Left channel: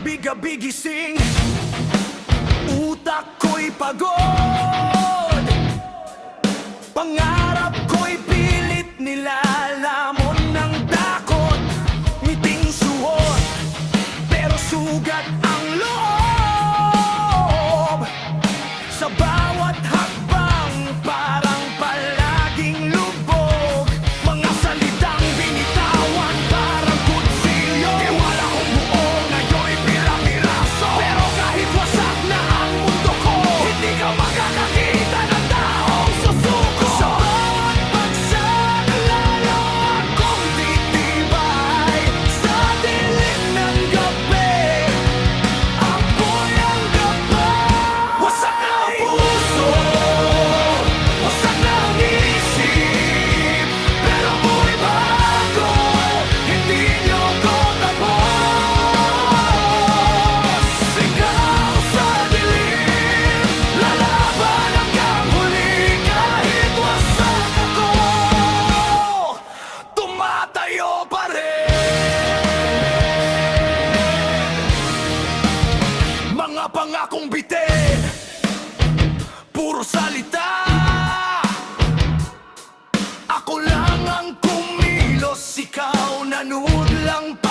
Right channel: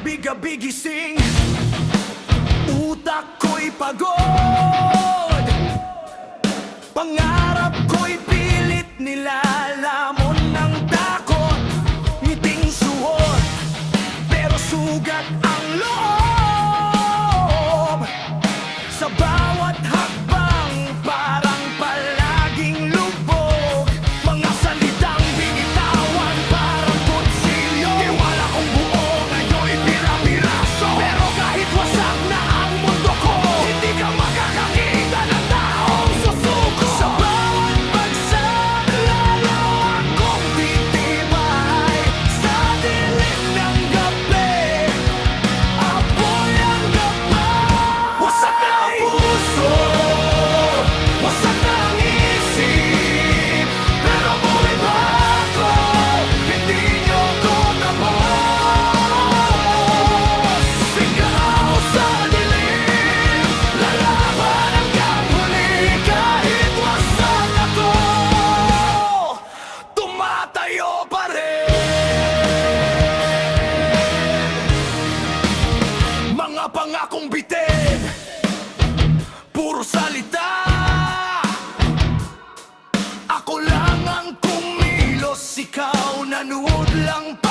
gabi-gabi gising, utak ko'y pagod, pangarap ko'y pilit nilalamon ng takot. Ngiting suot, pero sugat ang loob. Sa bawat hakbang parang palaging lubog, mga salitang binitawan parang kutsilyo. Tiwala kong buo ngayon'y pira-piraso, pero kahit wasak na ang mundo ko, hindi ka makakakita ng taong susuko. Sa bawat bagsak lalo akong titibay, sa dilim ng gabi apoy ang gabay. Wasak na ang puso, wasak na ang isip, pero buhay bago, hindi nyo ko tapos. Sigaw sa dilim, lalaban hanggang huli. Kahit wasak ako, tumatayo pa rin. Mga pangakong bitin, puro salita, ako lang ang kumilos, ikaw nanood lang pa.